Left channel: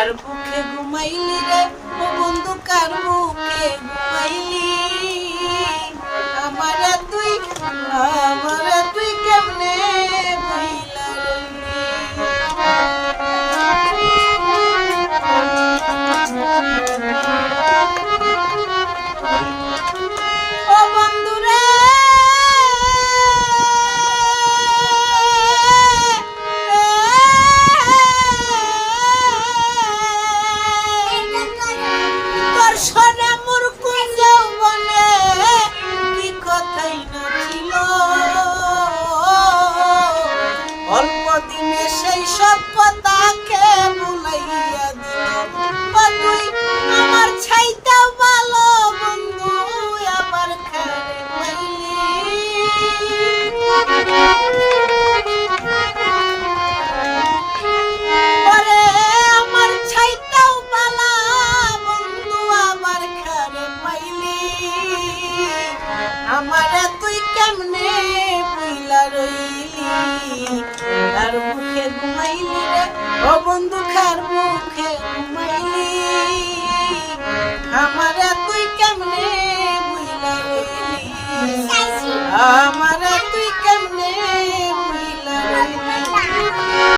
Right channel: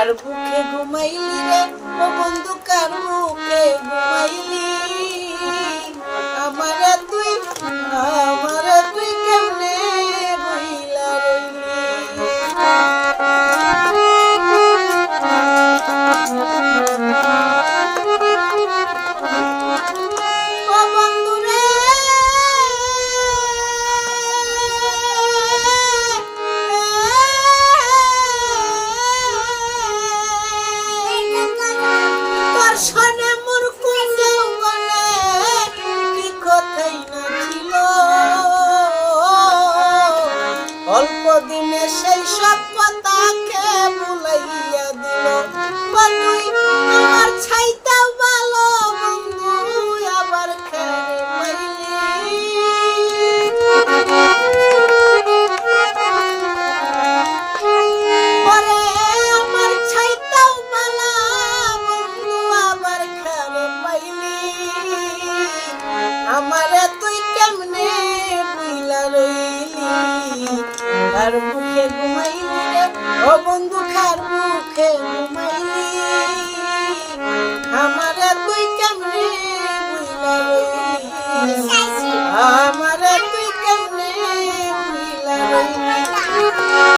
কার বুকে ঘুমাইলি রে ও বন্ধু কার বুকে ঘুমাইলি আমারে তুই কেমনে ভুইলা রইলি ও বন্ধু রে তোর সনে মোর কোন যৌবনে কি কথাই না ছিল অল্প দিনে সেই সব কথাকে ভুলাইয়া দিল বা তুই আমার ছাইটাও ভালো বন্ধু আবার খেরে পাইলি পরে আমার ছাইটাও ভালো বন্ধু আবার খেরে পাইলি আমারে তুই কেমনে বুইলা রইলি কার মুখে ঘুমাইলি রে ও বন্ধু কার মুখে ঘুমাইলি আমারে তুই কেমনে বুইলা রইলি আমারে